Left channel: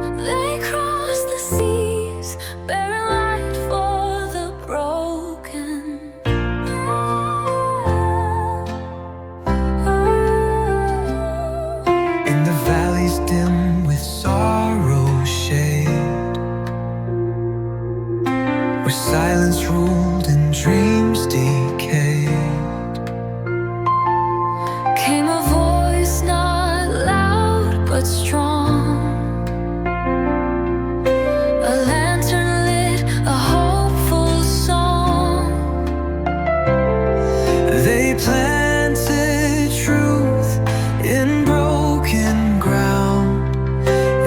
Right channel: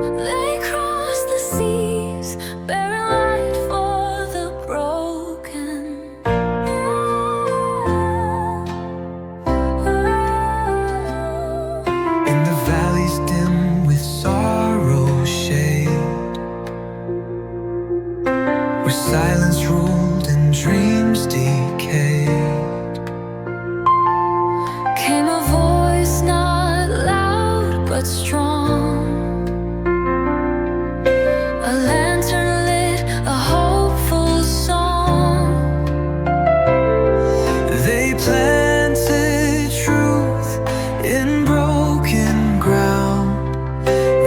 They cross the seas, bearing light for the broken. In the valleys dim with sorrow's shade, where silence ruled and dreams decayed, Came a voice not loud but strong, a lantern lit a hopeful song. they planted truth in broken ground,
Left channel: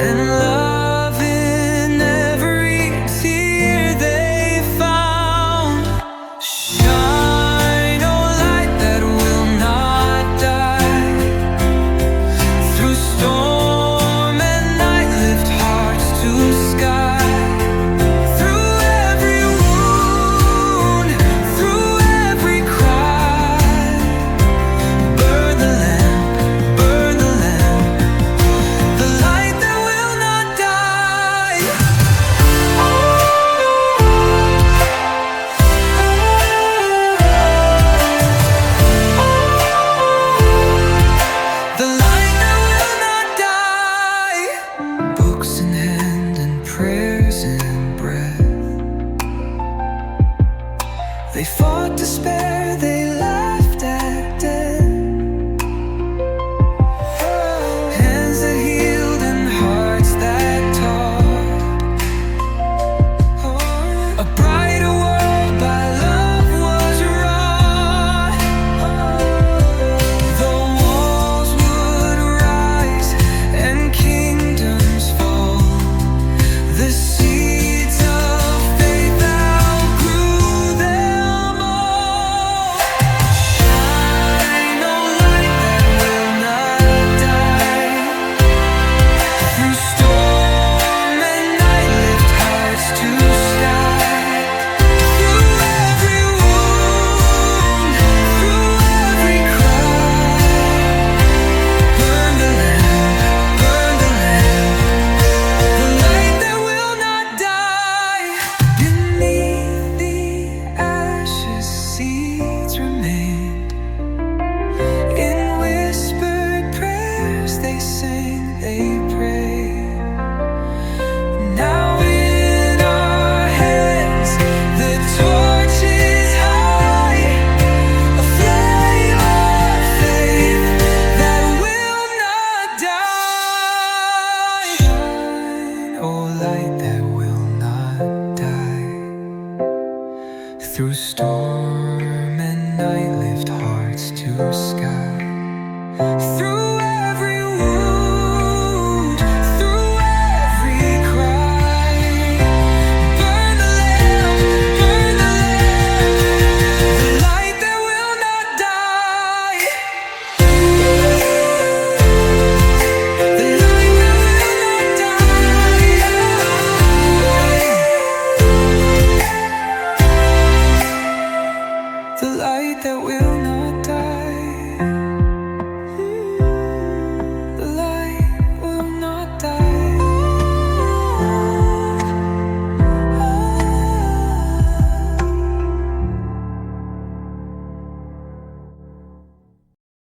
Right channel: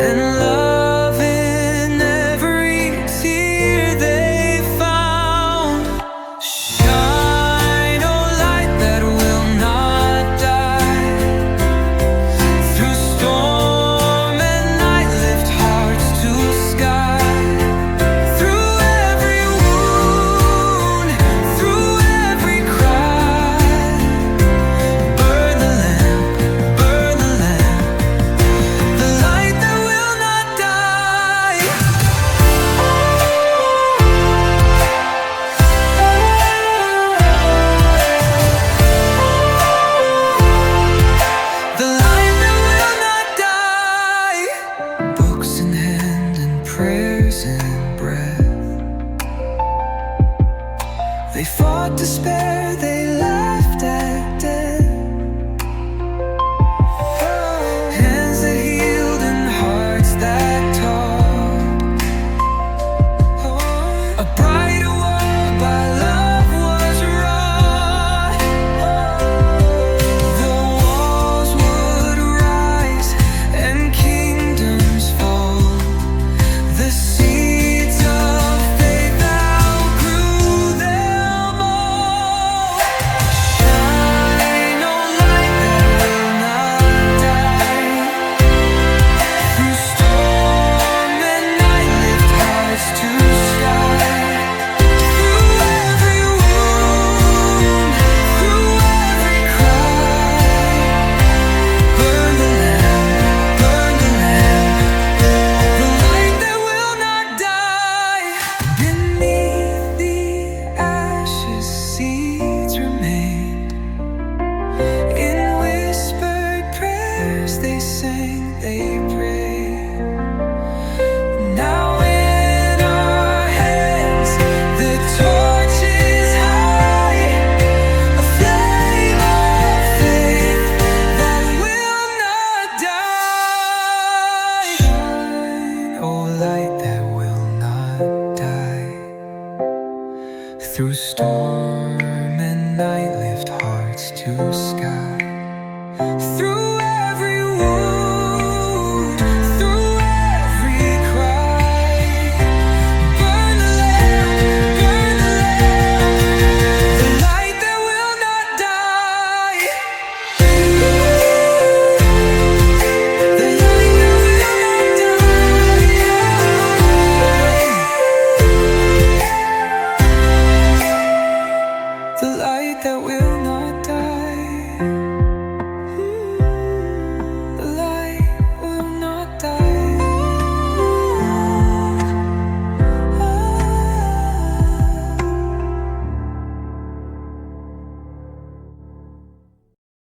and love in every tear they found. Shine, oh light that will not die. Through storm and night, lift hearts to sky. Through every wound, through every cry, burn the lamp, burn the lamp, the light that will not die. The light that will not die. Books in hand and prayers in breath, they fought despair, they laughed at death. Hands that healed and hearts that taught. A brighter world by love was wrought. The walls would rise and kingdoms fall. The seeds of faith outgrew them all. Shine, oh light that will not die. Through storm and night, lift hearts to sky. Through every wound, through every cry, burn the lamp, burn the lamp, the light that will not die. Beneath the ashes, seeds remained. In whispered prayers, they sang, they prayed. Now in our hands, the torch is high, a flame of faith that will not die. Shine, oh light that will not die. Through storm and night, lift hearts to sky.